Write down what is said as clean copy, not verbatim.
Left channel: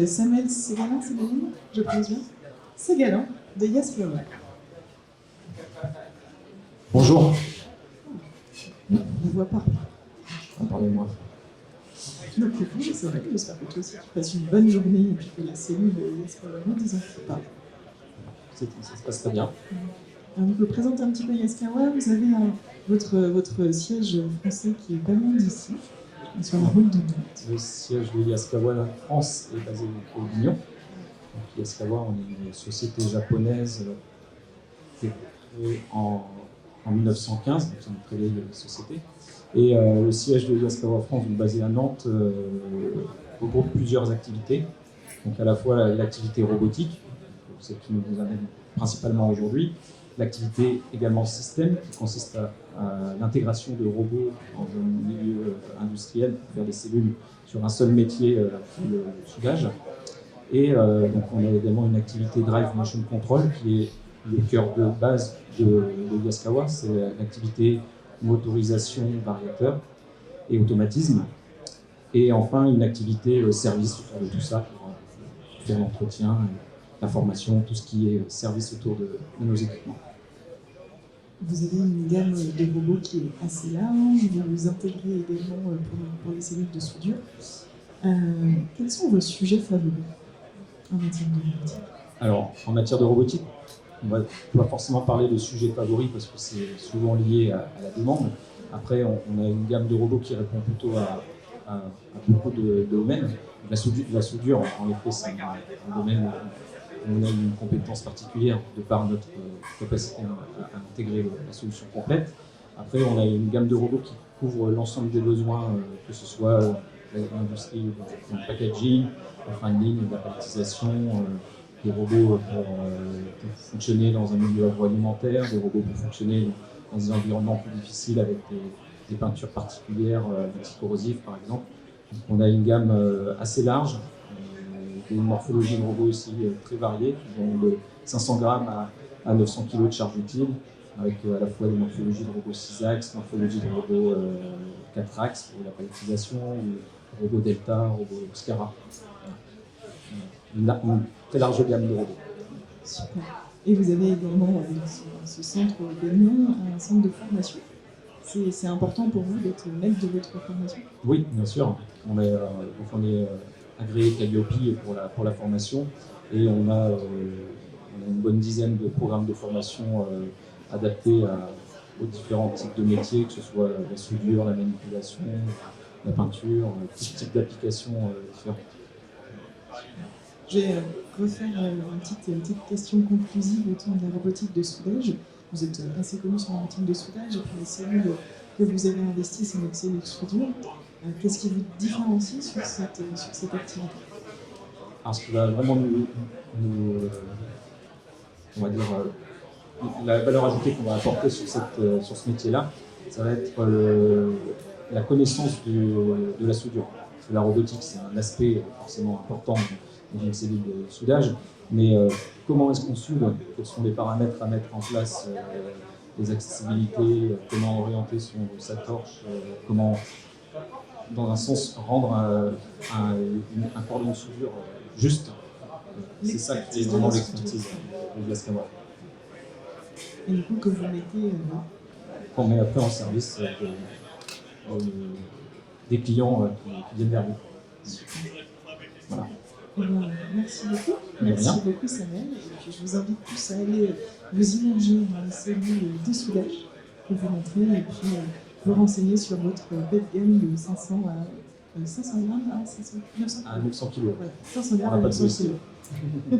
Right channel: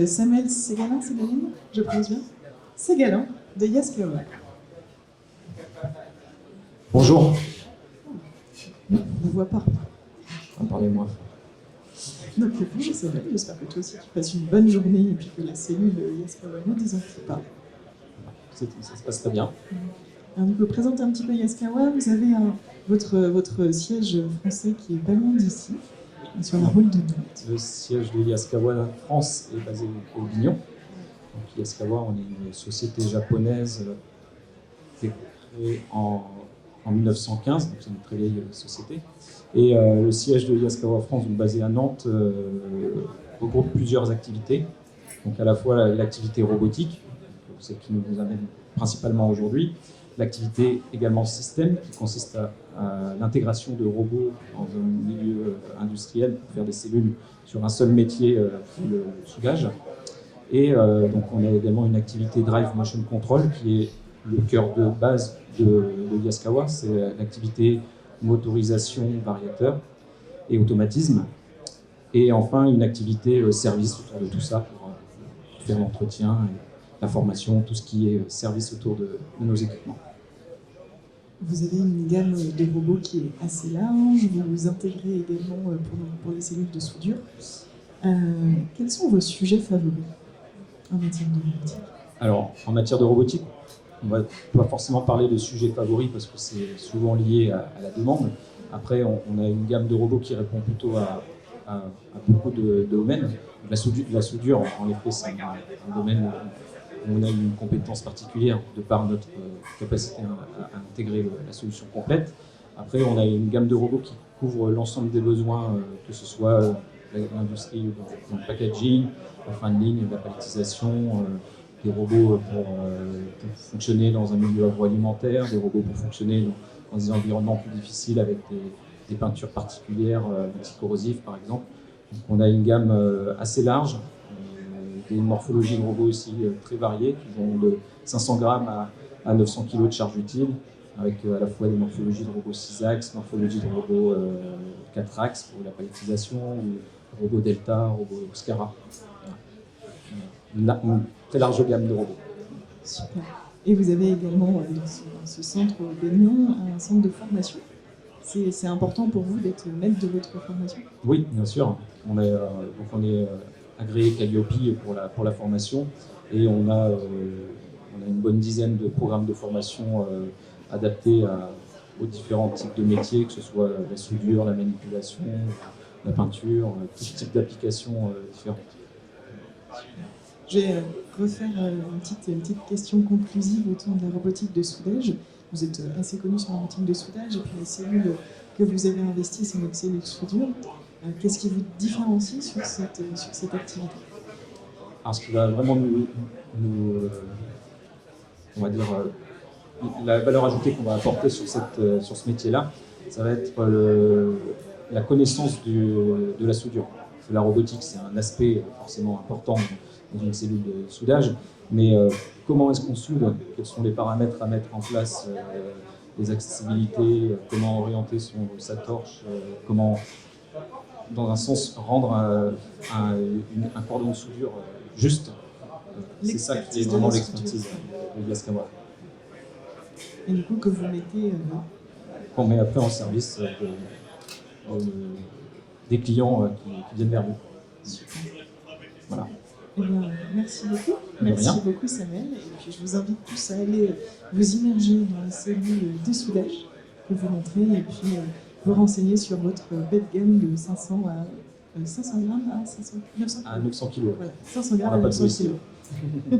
Samuel Ségalin, je prononce bien Ségalin, de Yaskawa. Bonjour. On ne voit pas. Parlez-moi. Donc bonjour Samuel, j'espère que toi aussi tu passes une bonne journée et puis que la cellule Yaskawa ne désenfle pas. Ça se passe très bien. Alors du coup, présentez un petit peu Yaskawa. Vous avez votre siège français qui est pas loin d'ici, sur la route de Nantes. Le siège de Yaskawa France est basé au Lignon. Donc Yaskawa, on est une société japonaise qui est créée en 1915, donc c'est une très vieille société. Et le siège de Yaskawa France, donc basé à Nantes, regroupe plusieurs activités. Donc à la fois l'activité robotique, celle qui nous amène principalement aujourd'hui, l'activité également système, qui consiste à l'intégration de robots dans un milieu industriel pour faire des cellules sur un seul métier, le soudage. Et donc on a également une activité Drive Motion Control, qui est le cœur de base de Yaskawa, c'est l'activité motorisation, variateur et automatisme. Et enfin une activité service autour de tout ça pour faire l'entretien, la formation, tout ce qui est service autour de nos équipements. Vous avez une gamme de robots qui est assez large, vous intégrez également pour les cellules de soudure. Quels sont vos sujets favoris en matière de robotique? Alors, en matière de robotique, on ne va pas forcément parler de sujets favoris parce que c'est souvent lié à la demande. Après, on a une gamme de robots qui répond plutôt à beaucoup de domaines. La soudure, en effet, c'est un domaine où on a une compétence particulière de par notre capacité à intégrer la solution complète. Après, on a une gamme de robots qui couvre l'ensemble des besoins, que ce soit l'industrie dans le packaging, la fin de ligne, la palettisation, des robots pour fonctionner dans un milieu agroalimentaire, des robots pour fonctionner dans des environnements plus difficiles avec des peintures particulières, anticorrosives par exemple. Donc on a une gamme assez large, des morphologies de robots aussi très variées, qui vont de 500 grammes à 900 kg de charge utile, avec à la fois des morphologies de robots 6 axes, morphologies de robots 4 axes pour la palettisation, ou robots Delta, robots Scara. Une très large gamme de robots. Super. Et vous avez également dans ce centre Bénion un centre de formation. C'est important pour vous d'être maître de votre formation? Oui, bien sûr. On est agréé Calliope pour la formation et on a une bonne dizaine de programmes de formation adaptés aux différents types de métiers, que ce soit la soudure, la manipulation, la peinture, tout type d'applications différentes. Je vais refaire une petite question conclusive autour de la robotique de soudage. Vous êtes assez connu sur la robotique de soudage et puis la cellule que vous avez investie, c'est notre cellule soudure. Qu'est-ce qui vous différencie sur cette activité? Alors, ce qui va vraiment on va dire, la valeur ajoutée qu'on va apporter sur ce métier-là, ça va être la connaissance de la soudure. Parce que la robotique, c'est un aspect forcément important dans une cellule de soudage, mais comment est-ce qu'on soude? Quels sont les paramètres à mettre en place, les accessibilités, comment orienter sa torche, comment, dans un sens, rendre un cordon de soudure juste. C'est ça qui est vraiment l'expertise de Yaskawa. Et du coup, que vous mettez... Qu'on met après en service des clients qui viennent vers vous. Super. Voilà. Eh bien, merci beaucoup. Merci beaucoup Samuel. Et puis je vous invite tous à aller vous immerger dans la cellule de soudage que vous montrez et puis vous renseigner sur votre belle gamme de 500 à 500 grammes à 900 kg. À 900 kg. Voilà, 500 grammes à à 900 kg.